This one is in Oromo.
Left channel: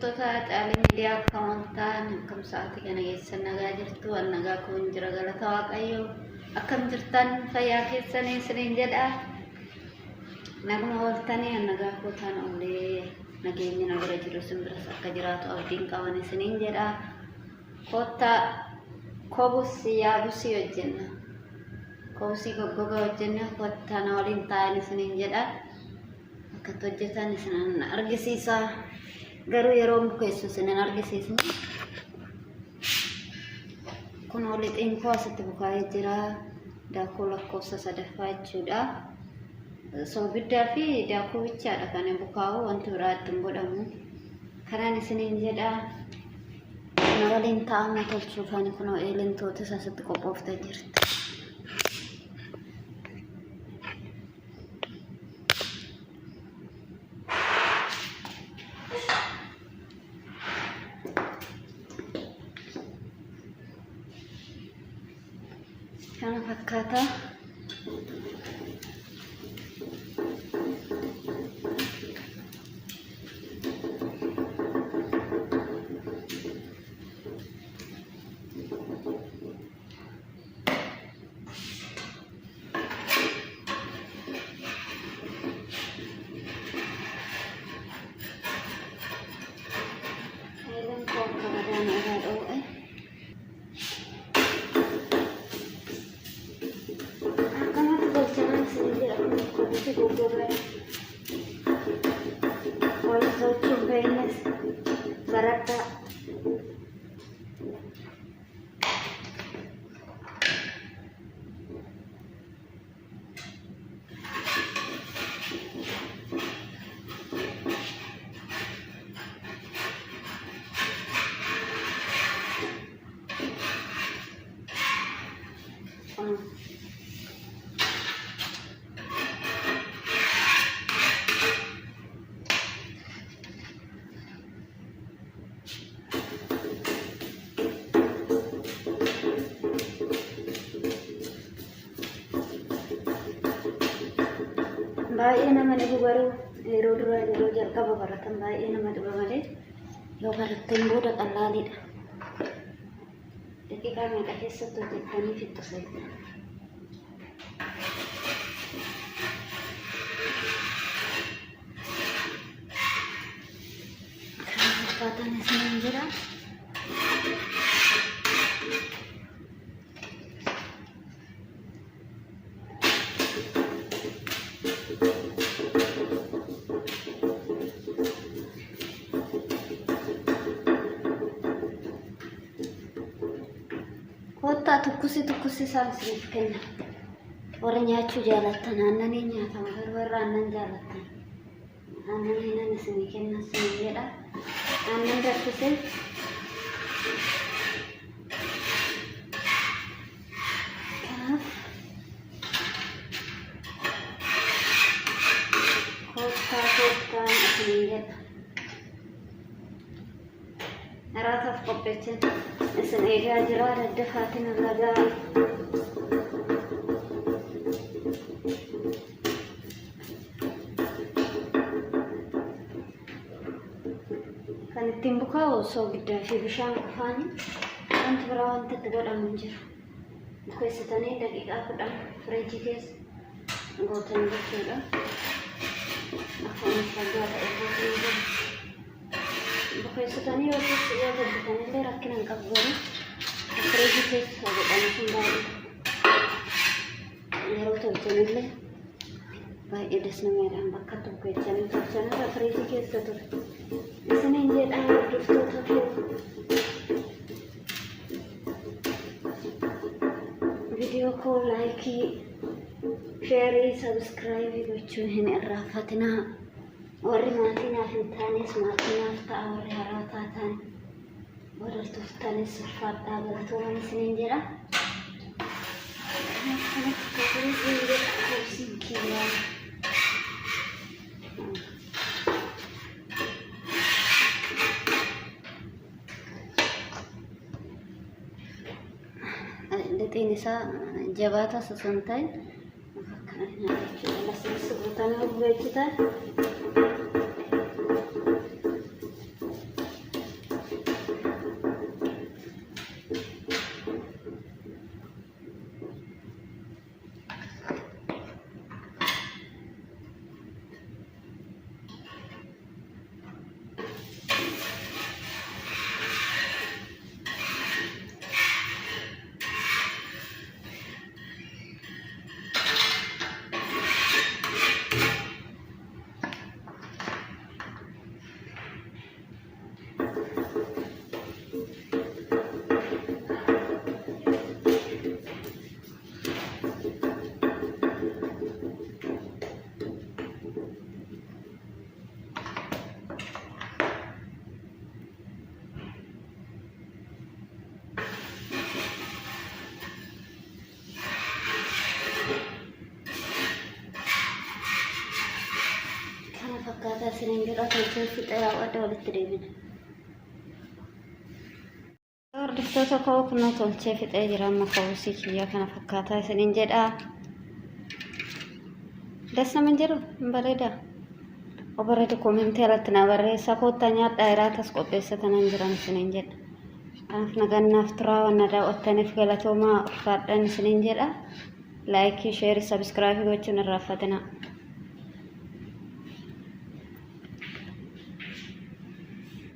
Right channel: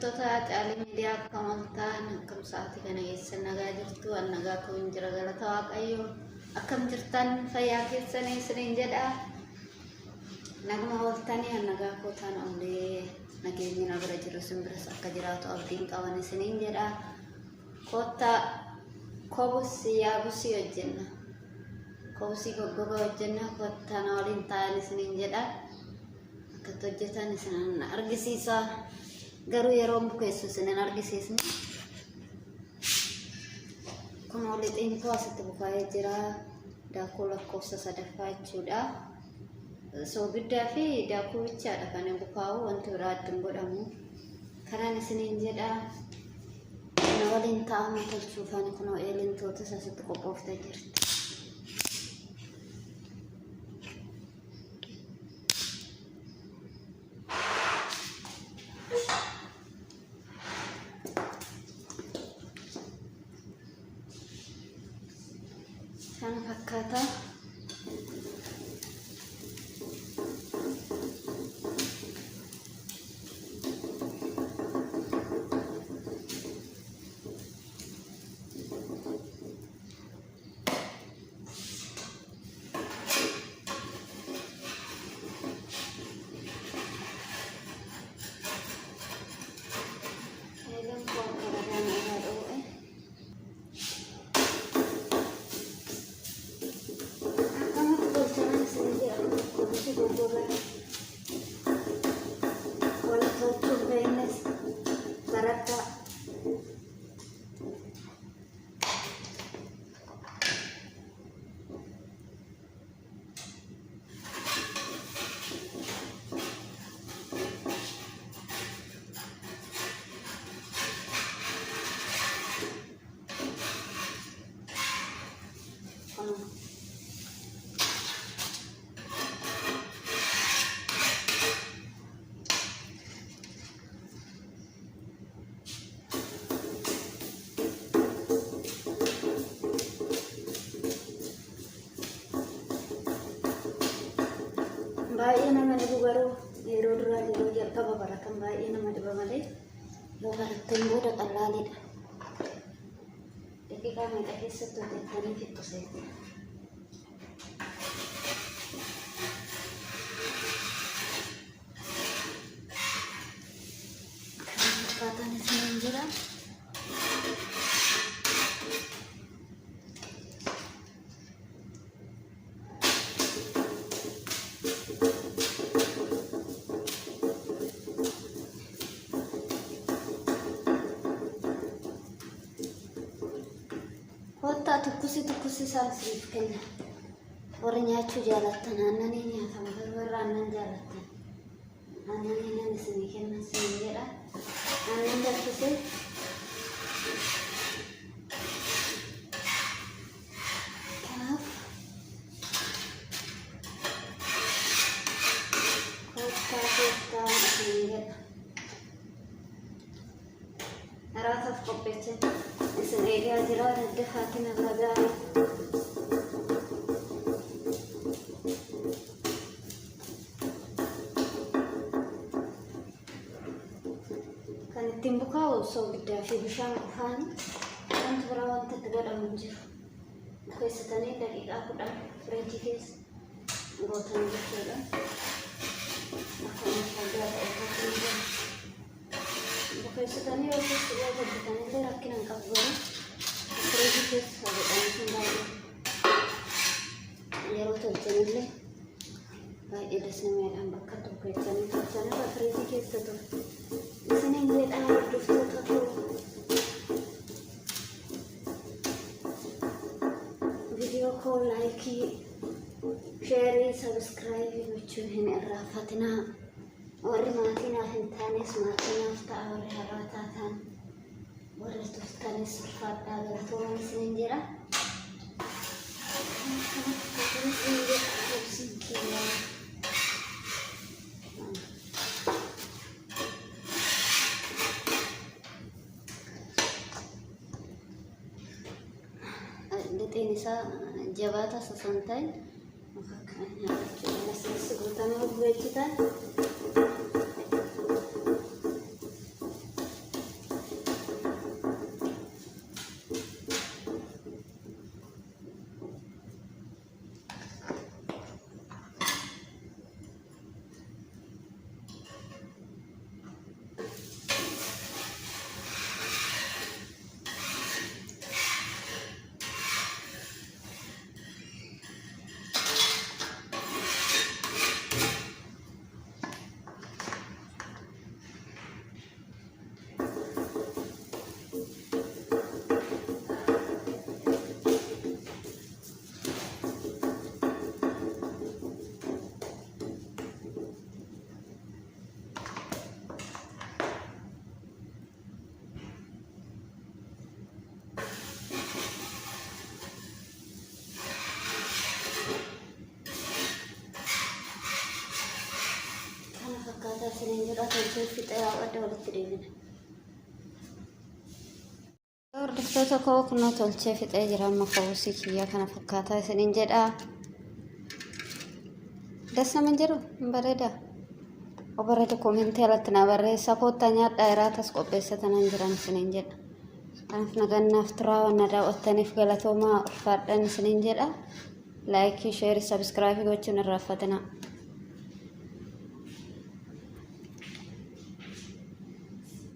Hordoftoota xaalee miidiyaa kamantaan akkam sa'aatii kana keessa nagaa jirtu nagaa kun jira galata waaqayyoo akkam jirtan fayyaa keessanii isiniin jedha naguma waltanii nagaa kuutaan ollee nageenya nagara jiru simbiras akka jiraatu abdiin qaban isiniin jedha kotta kobusi yaabusi hojjenna kobusi goggoga hojjenna kotta na waliin ta'an isiniin jedha akka hojjetan isin argisiisa garuu yeroo mukeessu isin argisiisna kun waliin koo asitti bukaa'ee jira daakuu lakkoofsa sadaffaa jechuudha soogiddaa fi daakuu bichaadha kan bukaa'u wanti biraa ittiin godhamu karaan isiniin jedha na waliin ta'amuu tolchuuf ani kunoo eelentoota asitti qophooftee jirti. Kana fakkaata baay'ee nama dhibu garuu yeroo duraa yeroo jalqaba baratan baay'ee nama dhiba malee yoo baratteen booda qallaaliidha. Daqiiqaa meeqa keessatti hojjettanii fixxu seetti. Kan fakkaatan isiniin jira. Tukkusi saasriif kenna warra nyaachuu jaalatan aannanii nyaatama garbarra aannan jaalatan aannanii nan isinii kenna isinii jedha aannan danfisee kanaaf koottaa isinii jedha naraataaf qopheessee isin eegaa jira daddafaatiin irra gaarii kan ittiin bukaa'u soogiddaa fi bishaan qofaan wanti biraa wanta itti godhamu hin jiru bukeessitanii daqiiqaa 10 firiijii keessa gootanii jechuudha akkuma faggaa bukeessitanii yoo hojjetanillee rakkina hin qabu garuu firiijii keessa godhanii sun baay'ee yeroo tolchanillee baay'ee dasnameedhaan bakka itti bukeessanii tolchanirra firiijii keessa ture isiniin jedhaa hordoftoota koo viidiyoo koo laayikii sheerii sabskiraayibii gochuun hin irraanfatinaa. Warri maatii naaf hin taanes maatii naaf ta'a warri haaraa taatan warri tuftanis ulfaadhaa galatoomaa isiniin jedha. Lixiin isaa jabaataa osoo hin ta'in akkana nyaatachuudha lasnis guutamee bu'eechitaan fixee wada walitti deebina. Hordoftoota koo kunoo tolchee fixee jira amma ka'uusii kiyya kana fakkaataa isiniin jedha. Das nama jiru bareeda. Obareeda koomenti irratti na barreessa koottaa nyaadhaa iraatas qopheessatanan jiran isiniin jedha. Kanaaf nagannaaf turaa waan daawwattaniif galatoomaa ulfaadhaan isiniin jedha. Laayikii, sheerii, sabskiraaybii gochuun irraa fatina.